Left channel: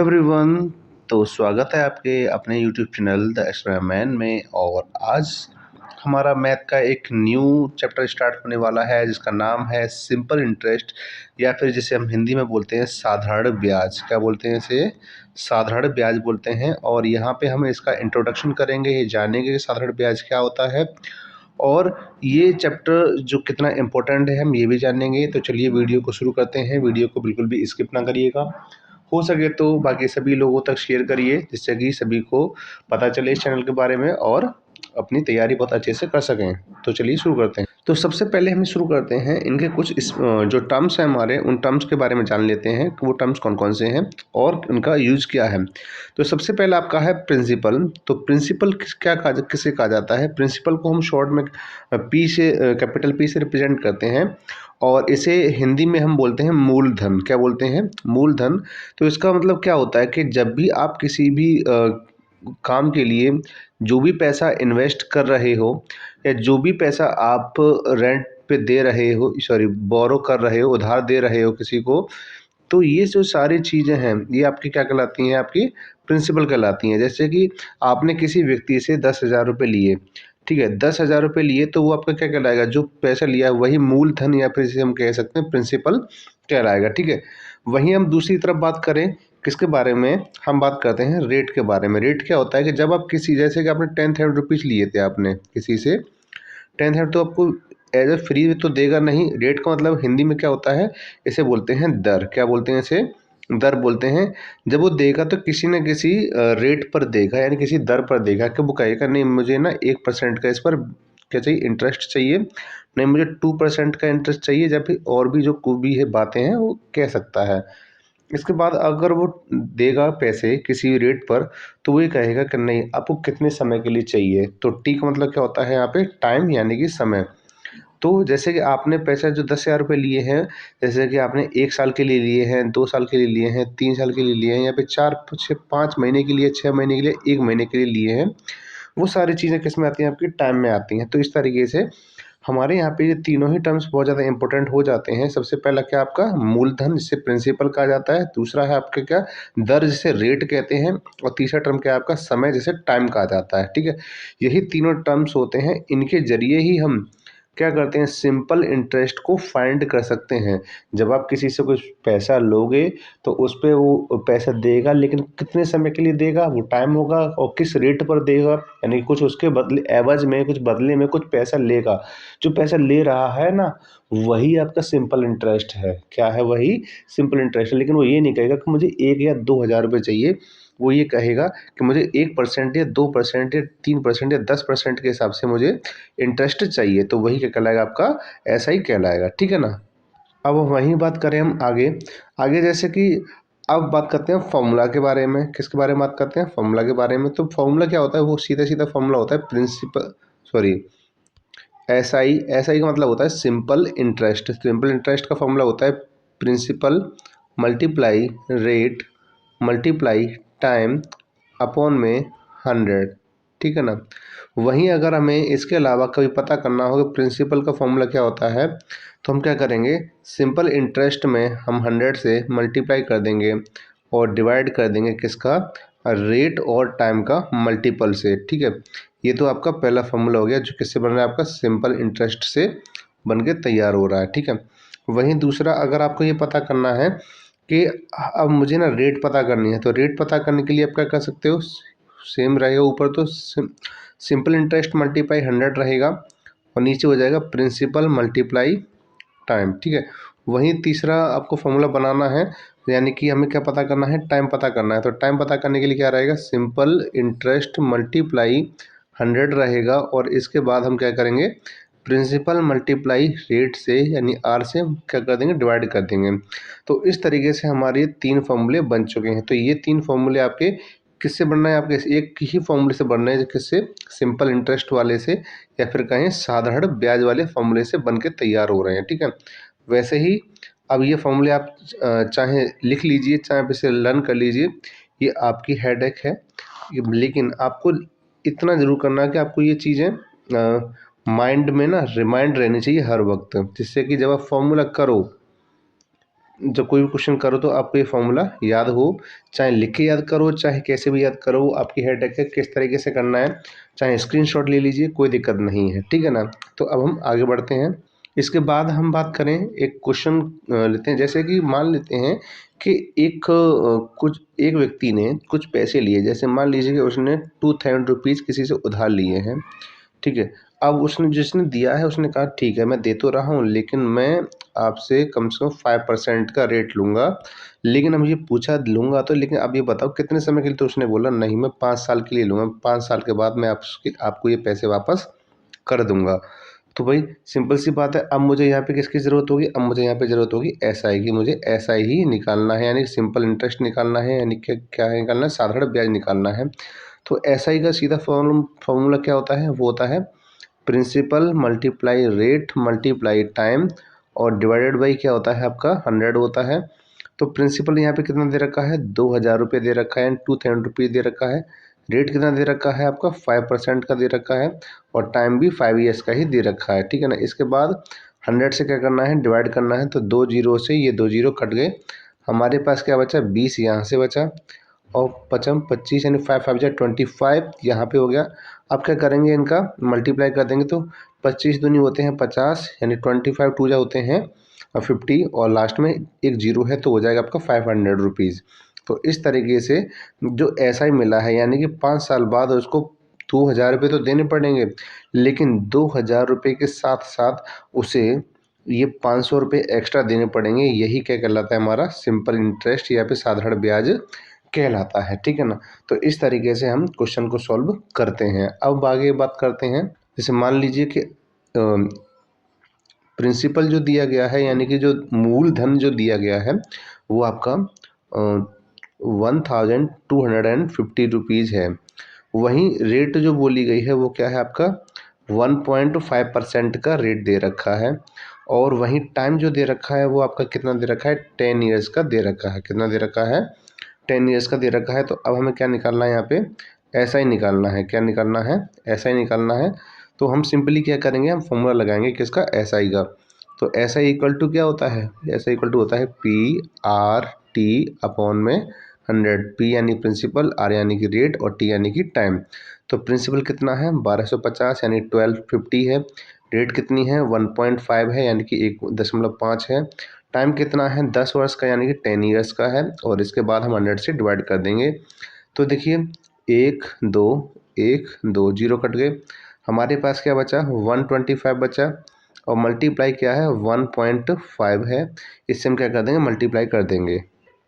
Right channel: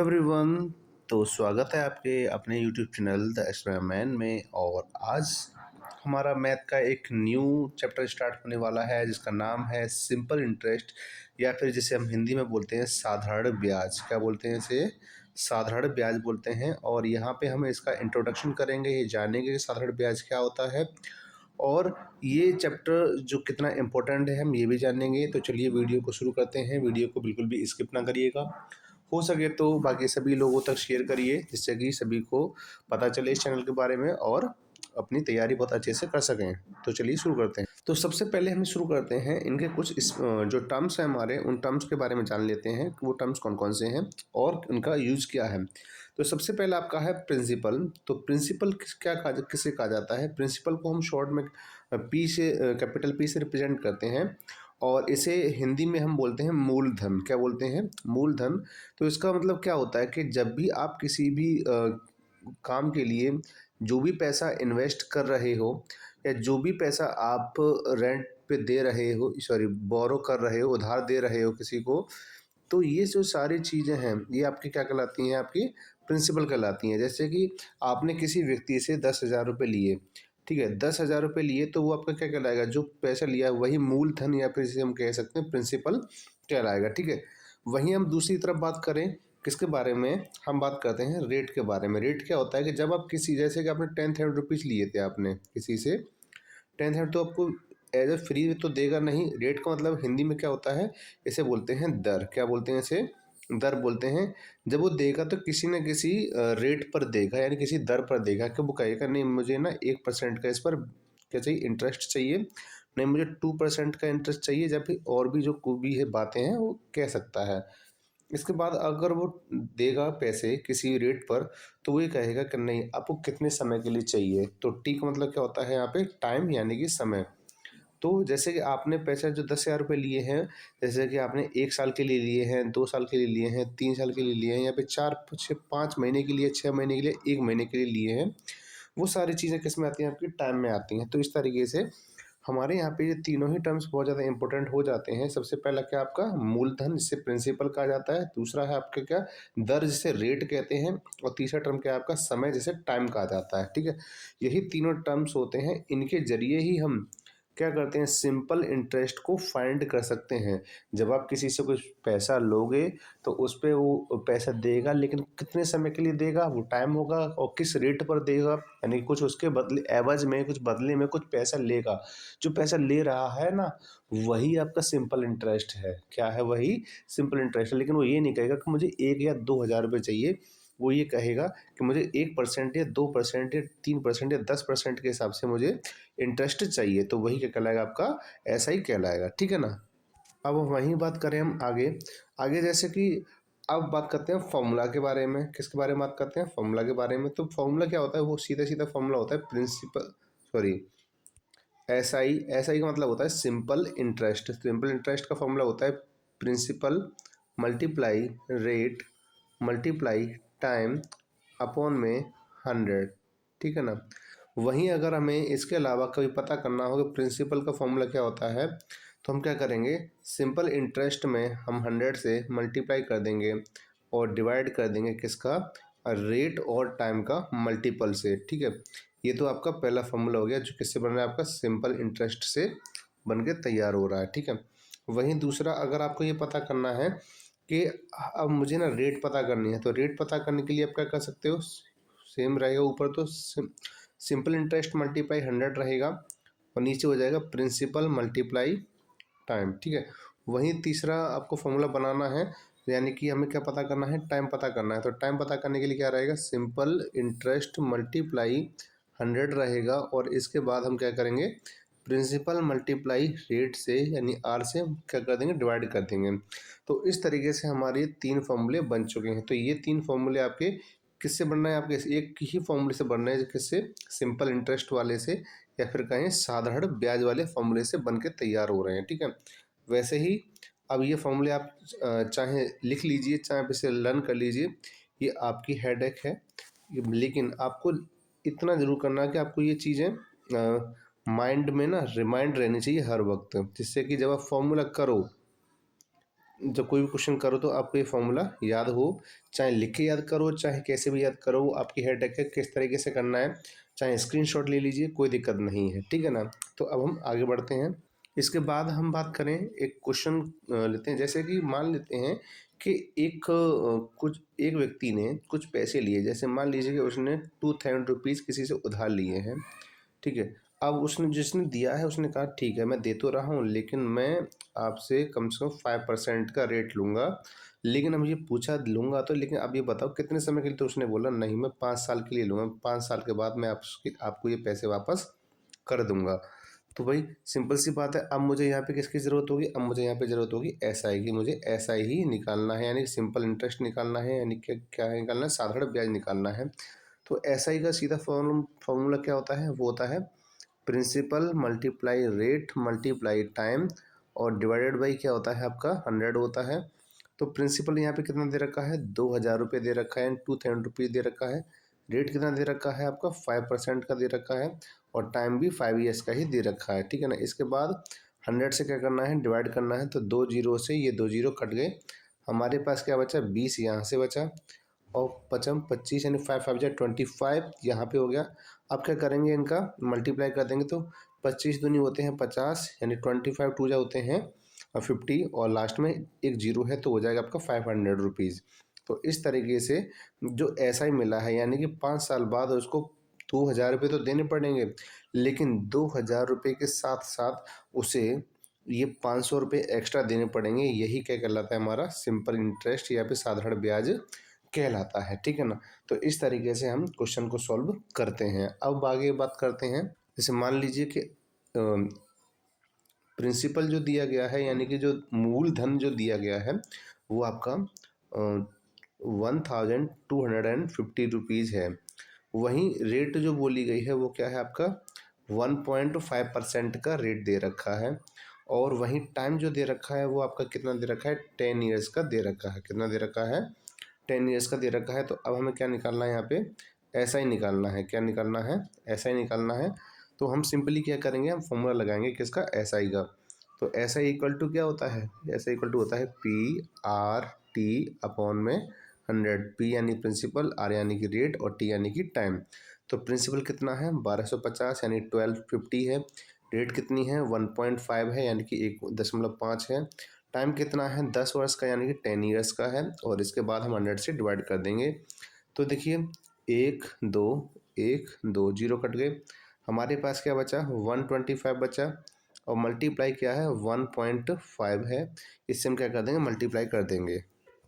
Everyone. तो स्वागत है आपके अपने YouTube channel the extra man में। और आज हमारा मैथ का एक न्यू चैप्टर स्टार्ट होने वाला है जिसका नाम है सिंपल इंटरेस्ट, या फिर जिसे हम हिंदी में बोलते हैं साधारण ब्याज। क्या बोलते हैं इसे? साधारण ब्याज बोलते हैं। और यहाँ पे हम इसका इंट्रोडक्शन करेंगे, ये जानेंगे कि साधारण ब्याज क्या होता है और ये चैप्टर जो कितना इम्पोर्टेंट है हम ये भी जानेंगे। तो चलिए वीडियो को शुरू करते हैं। वीडियो को बिल्कुल भी स्किप ना करिएगा, हो सके तो बाकी सभी लोगों तक शेयर करिए जिससे कि सभी को पता चले इस चैनल के बारे में और अपनी तैयारी बहुत अच्छे से कर सकें। तो चलिए शुरू करते हैं। तो सबसे पहले हम शुरू करते हैं इनके कुछ जो टर्म्स हैं हमारे, उन टर्म्स के बारे में जान लेते हैं कि वो टर्म्स कौन कौन से हैं और उनका यूज क्या है। तो सबसे पहला आपका है प्रिंसिपल। तो प्रिंसिपल किसे कहा जाता है? प्रिंसिपल को हम शॉर्ट में पी से, कैपिटल पी से रिप्रेजेंट करते हैं और इसे हिंदी में हम बोलते हैं मूलधन। क्या बोलते हैं? मूलधन। तो इसका मतलब क्या होता है कि जब भी आप किसी भी काम के लिए जो भी पैसा इन्वेस्ट कर रहे हो या जो भी पैसा आप रेंट पे दे रहे हो, सॉरी बोरो कर रहे हो, उधार दे रहे हो किसी को, तो ये जो सारी चीज़ें हैं ये आपकी क्या कहलाती हैं? आपकी प्रिंसिपल कहलाती हैं। जैसे कि आपने किसी व्यक्ति से 10,000 रुपये लिए, ठीक है, 10,000 रुपये लिए, तो वो आपका क्या कहलाएगा? जो पैसा लिया है वही मूलधन या फिर जिसे हम कह सकते हैं प्रिंसिपल कहलाएगा। ठीक है। वहीं हम दूसरी तरफ बात करें किसके बारे में? हम बात करते हैं रेट के बारे में। रेट क्या होता है कि जब आप किसी, जैसे कि आपने 10,000 रुपीज़ लिए थे आपने किसी से 10,000, तो आपको एज ए फ्री तो देगा नहीं। रेट का मतलब हिंदी में क्या होता है? इसे बोलते हैं दर। क्या बोलते हैं इसे? दर बोलते हैं। जब वो देगा तो किसी न किसी रेट पर देगा, यानी किसी दर पर देगा कि वो कहेगा नहीं मुझे ना 1% का इस पर क्या चाहिए, इंटरेस्ट चाहिए, नहीं मुझे 2% का इंटरेस्ट चाहिए, या फिर और भी जो कोई भी है बातें हैं वो कह सकता है। इसके बाद अगर वो देगा पैसे किसी रेट पर, तो वो ये कहेगा कि नहीं आपको कितने समय के लिए चाहिए। तो टी का मतलब क्या होता है यहाँ पे? टाइम, यानी कि समय। तो जैसे कि आपने पैसा जो 10,000 रुपये लिए हैं, जैसे कि आपने 1 साल के लिए लिए हैं, 2 साल के लिए लिए हैं, 3 साल के लिए लिए हैं, या फिर 4 5 महीने के लिए, 6 महीने के लिए, 1 महीने के लिए लिए हैं, वो सारी चीज़ें किस में आती हैं? आपकी टाइम में आती हैं। तो इस तरीके से हमारे यहाँ पे ये तीनों ही टर्म्स बहुत ज़्यादा इंपॉर्टेंट हो जाते हैं। सबसे पहला क्या आपका? मूलधन, जिसे प्रिंसिपल कहा जाता है। दूसरा है आपका क्या? दर, जिसे रेट कहते हैं। और तीसरा टर्म क्या है आपका? समय, जिसे टाइम कहा जाता है। ठीक है। यही तीनों टर्म्स होते हैं, इनके जरिए ही हम क्या करते हैं? सिंपल इंटरेस्ट को फाइंड कर सकते हैं। जब आप किसी से कुछ पैसा लोगे तो उस पे वो पैसा देगा, लेकिन कितने समय के लिए देगा वो टाइम होगा, और किस रेट पर देगा, यानी कुछ उसके बदले एवज में, कुछ बदले में कुछ पैसा लेगा। जो पैसा ले रहा है ना, वही आपका सिंपल इंटरेस्ट है। क्या है? वही सिंपल इंटरेस्ट है। लेकिन वो ये नहीं कहेगा कि मुझे 1 या 2 हज़ार रुपये चाहिए। वो ये कहेगा कि मुझे 1% या 2% या 3% या 10% के हिसाब से मुझे इंटरेस्ट चाहिए। तो वही क्या कहलाएगा? आपका ऐसा ही कहलाएगा। ठीक है ना। अब वहीं बात करें हम आगे। आगे जैसे कि अब बात करते हैं फॉर्मूला के बारे में। किसके बारे में बात करते हैं? फॉर्मूला के बारे में। तो फॉर्मूला क्या होता है? वो सीधा सीधा फॉर्मूला होता है प्रिंसिपल, सॉरी एसआई। एसआई का मतलब होता है सिंपल इंटरेस्ट। सिंपल इंटरेस्ट का फॉर्मूला होता है principal multiply rate multiply time upon में 100। ठीक है ना। वहीं अगर हमें इसके अलावा कभी पता करना हो कि प्रिंसिपल का फॉर्मूला क्या होता है, तो हम क्या करेंगे? सिंपल इंटरेस्ट में हम 100 से मल्टीप्लाई कर देंगे और डिवाइड कर देंगे किसका? रेट और टाइम का मल्टीपल से। ठीक है। ये तो आपका पहला फॉर्मूला हो गया जो किससे बन रहा है? आपका सिंपल इंटरेस्ट से बन के तैयार हो रहा है। ठीक है। वहीं दूसरा, अगर आपको ये पता करना है कि अब मुझे ना रेट पता करनी है, तो रेट पता करने के लिए आप क्या कर सकते हो? सेम रहेगा, ऊपर तो सिंपल इंटरेस्ट मल्टीप्लाई 100 रहेगा और नीचे हो जाएगा प्रिंसिपल मल्टीप्लाई टाइम। ठीक है। वहीं तीसरा आपको फॉर्मूला बनाना है, यानी कि हमें क्या पता करना है? टाइम पता करना है। तो टाइम पता करने के लिए क्या रहेगा? सिंपल इंटरेस्ट मल्टीप्लाई 100 रहेगा और इसके बाद हम क्या करेंगे? प्रिंसिपल मल्टीप्लाई रेट से, यानी आर से क्या कर देंगे? डिवाइड कर देंगे। तो इस तरीके से हमारे 3 फॉर्मूले बन चुके हैं। तो ये 3 फॉर्मूले आपके किससे बनना है? आपके एक ही फॉर्मूले से बनना है, किससे? सिंपल इंटरेस्ट वाले से, या फिर कहें साधारण ब्याज वाले फॉर्मूले से बन के तैयार हो रहे हैं। ठीक है। वैसे ही अब ये फॉर्मूले आप चाहे लिख लीजिए, चाहे आप इसे लर्न कर लीजिए, ये आपकी हेडेक है। लेकिन आपको इतना ज़रूर करना है कि आपको ये चीज़ें माइंड में ना रिमाइंड रहनी चाहिए हर वक्त, जिससे कि जब आप फॉर्मूला करो जब कोई भी क्वेश्चन करो तो आपको ये फॉर्मूला याद हो, चाहे लिख के याद करो, चाहे कैसे भी याद करो, आपकी हेडेक है किस तरीके से करना है, चाहे स्क्रीनशॉट ले लीजिए, कोई दिक्कत नहीं है, ठीक है ना। तो अब हम आगे बढ़ते हैं। इसके बाद हम बात करें, एक क्वेश्चन लेते हैं। जैसे कि मान लेते हैं कि एक व्यक्ति ने कुछ पैसे लिए, जैसे मान लीजिए कि उसने 2000 रुपीज़ किसी से उधार लिए हैं, ठीक है। अब उसने जिसने दिया है उसने कहा ठीक है मैं दे तो रहा हूँ, लेकिन मैं आपसे कम से कम 5% का रेट लूँगा, लेकिन अब ये पूछा लूँगा तो, लेकिन अब ये बताओ कितने समय के लिए। तो उसने बोला नहीं मैं 5 साल के लिए लूँगा, 5 साल के बाद मैं आपको ये पैसे वापस कर दूंगा। तो भाई सिंपल सी बात है, अब मुझे यहाँ पे किसकी ज़रूरत होगी, अब मुझे यहाँ पे ज़रूरत होगी एसआई की। मुझे एसआई ही निकालना है, यानी सिंपल इंटरेस्ट निकालना है, यानी क्या क्या निकालना है, साधारण ब्याज निकालना है। तो एसआई का सीधा फॉर्मूला क्या होता है, वो होता है principal multiply rate multiply time और डिवाइडेड बाई क्या होता है आपका 100 होता है। तो प्रिंसिपल यहाँ पे कितना दे रखा है, 2000 रुपये दे रखा है, 2000 रुपीज़ दे रखा है। रेट कितना दे रखा है आपका 5% का दे रखा है, और टाइम भी 5 ईयर्स का ही दे रखा है, ठीक है ना। इसके बाद 100 से क्या करना है, डिवाइड करना है। तो 2 जीरो से ये 2 जीरो कट गए, हमारे पास क्या बचा, 20 यहाँ से बचा, और पचम 25 यानी 5 5 जा 25 यहाँ पे हो गया। अब क्या करेंगे, इनका मल्टीप्लाई कर देंगे तो 25 दूनी होते हैं 50, यानी 25 टू जा होते हैं 50, और लास्ट में एक जीरो है तो हो जाएगा आपका 500 रुपीज़। तो इस तरीके से जो ऐसा ही मिला है, यानी कि 5 साल बाद उसको 2000 रुपये तो देने पड़ेंगे, लेकिन 2000 रुपये के साथ साथ उसे ये 500 रुपये एक्स्ट्रा देने पड़ेंगे। यही क्या कहलाता है, हमारा सिंपल इंटरेस्ट या फिर साधारण ब्याज कहलाता है, ठीक है ना। तो इस तरीके से हम क्वेश्चन को सॉल्व करते हैं। अब आगे बात करते हैं, जैसे मान लीजिए कि प्रिंसिपल जो दिया गया है, यानी कि जो मूलधन जो दिया गया है वो आपका 1250 रुपीज़ है। वहीं रेट जो बोली गई है वो क्या है आपका 1.5% का रेट दे रखा है, और वहीं टाइम जो दे रखा है वो आपका कितना दे रखा है, 10 ईयर्स का दे रखा है। कितना दे रखा है, 10 ईयर्स का दे रखा है। तो अब हमें क्या निकालना है यहाँ पे, ऐसा ही निकालना है। क्या निकालना है, ऐसा ही निकालना है। तो हम सिंपली क्या करेंगे, हम फॉर्मूला लगाएंगे किसका, एस आई का। तो एस आई इक्वल टू क्या होता है, एस आई इक्वल टू होता है PRT अपॉन में 100। P यानी प्रिंसिपल, R यानी कि रेट, और T यानी कि टाइम। तो प्रिंसिपल कितना है 1250 यानी 1250 है। रेट कितनी है 1.5 है, यानी कि 1.5 है। टाइम कितना है 10 वर्ष का, यानी कि 10 ईयर्स का है, और इसके बाद हम 100 से डिवाइड कर देंगे। तो देखिए 1 2 जीरो कट गए, हमारे पास क्या बचा 125 बचा, और मल्टीप्लाई क्या है 1.5 है। इससे हम क्या कर देंगे, मल्टीप्लाई कर देंगे।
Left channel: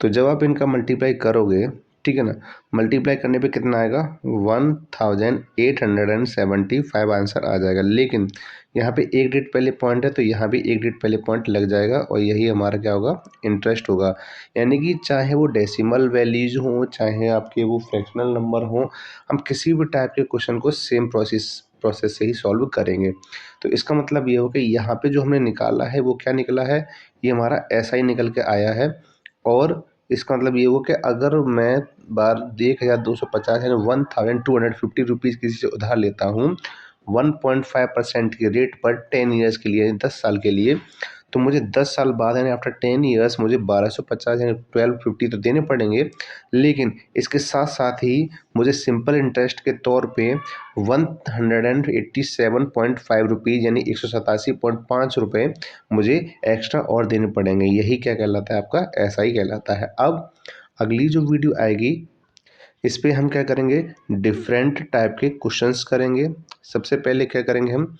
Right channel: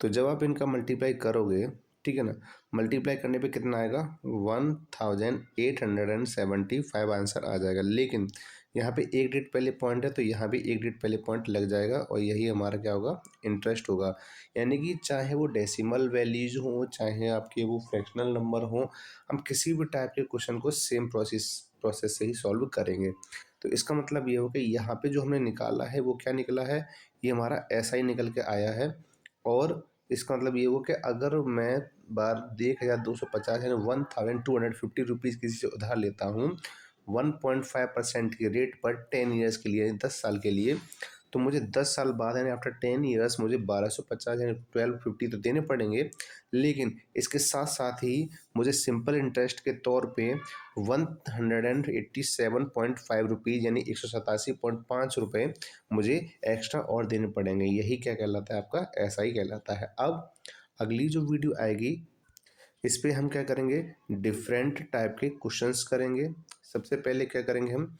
तो जब आप इनका मल्टीप्लाई करोगे, ठीक है ना, मल्टीप्लाई करने पे कितना आएगा 1875 आंसर आ जाएगा। लेकिन यहाँ पे एक डिजिट पहले पॉइंट है तो यहाँ भी एक डिजिट पहले पॉइंट लग जाएगा, और यही हमारा क्या होगा, इंटरेस्ट होगा। यानी कि चाहे वो डेसिमल वैल्यूज हों, चाहे आपके वो फ्रैक्शनल नंबर हों, हम किसी भी टाइप के क्वेश्चन को सेम प्रोसेस से ही सॉल्व करेंगे। तो इसका मतलब ये हो कि यहाँ पे जो हमने निकाला है वो क्या निकला है, ये हमारा ऐसा ही निकल के आया है। और इसका मतलब ये हुआ कि अगर मैं 1250 यानी 1250 रुपीज़ किसी से उधार लेता हूँ 1.5% के रेट पर 10 ईयर्स के लिए, 10 साल के लिए, तो मुझे 10 साल बाद यानी आफ्टर 10 ईयर्स मुझे 1250 यानी 1250 तो देने पड़ेंगे, लेकिन इसके साथ साथ ही मुझे सिंपल इंटरेस्ट के तौर पे 187.5 रुपीज़ यानी 187.5 रुपये मुझे एक्स्ट्रा और देने पड़ेंगे। यही क्या कहलाता है, आपका ऐसा ही कहलाता है। अब अगली जो वीडियो आएगी इस पे हम क्या करेंगे, डिफरेंट टाइप के क्वेश्चंस करेंगे। सबसे पहले क्या करेंगे, हम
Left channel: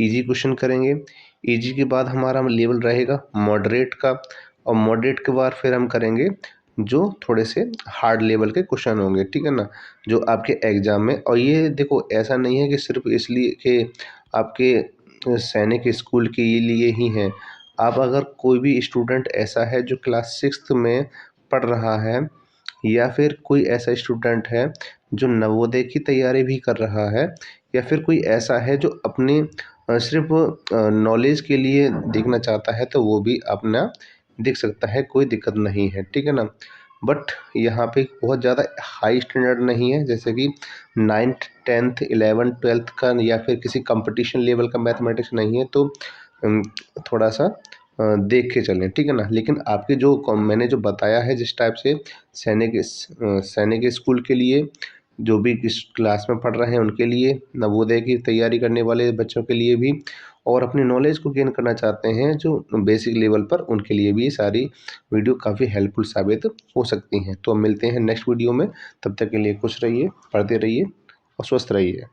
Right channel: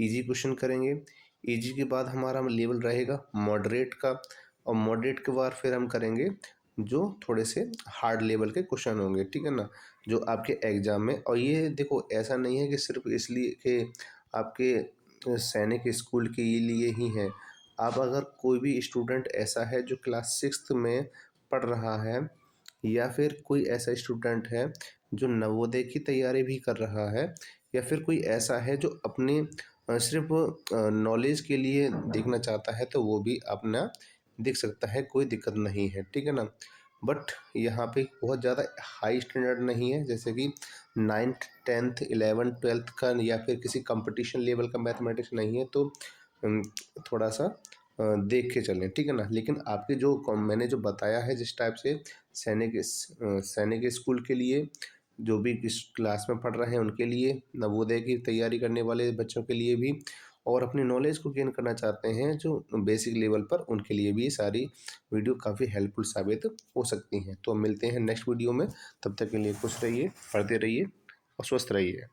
इजी क्वेश्चन करेंगे। इजी के बाद हमारा लेवल रहेगा मॉडरेट का, और मॉडरेट के बाद फिर हम करेंगे जो थोड़े से हार्ड लेवल के क्वेश्चन होंगे, ठीक है ना, जो आपके एग्जाम में। और ये देखो ऐसा नहीं है कि सिर्फ इसलिए कि आपके सैनिक स्कूल के लिए ही हैं। आप अगर कोई भी स्टूडेंट ऐसा है जो क्लास 6 में पढ़ रहा है, या फिर कोई ऐसा स्टूडेंट है जो नवोदय की तैयारी भी कर रहा है, या फिर कोई ऐसा है जो अपने सिर्फ नॉलेज के लिए देखना चाहता है, तो वो भी अपना देख सकता है, कोई दिक्कत नहीं है, ठीक है ना। बट यहाँ पे बहुत ज़्यादा हाई स्टैंडर्ड नहीं है, जैसे कि 9th 10th 11th 12th का, या फिर किसी कंपटीशन लेवल का मैथमेटिक्स नहीं है। तो थोड़ा सा देख के चलें, ठीक है ना। लेकिन आपके जो मैंने जो बताया है जिस टाइप से सैनिक स्कूल के लिए, जो भी इस क्लास में पढ़ रहे हैं उनके लिए, नवोदय की तैयारी करने वाले बच्चों के लिए भी, और अपनी नॉलेज को गेन करना चाहते हैं जो बेसिक लेवल पर, उनके लिए भी ये सारी वीडियो काफ़ी हेल्पफुल साबित हो सकती हैं। तो मिलते हैं नेक्स्ट वीडियो में, तब तक के लिए खुश रहिए, पढ़ते रहिए और स्वस्थ रहिए।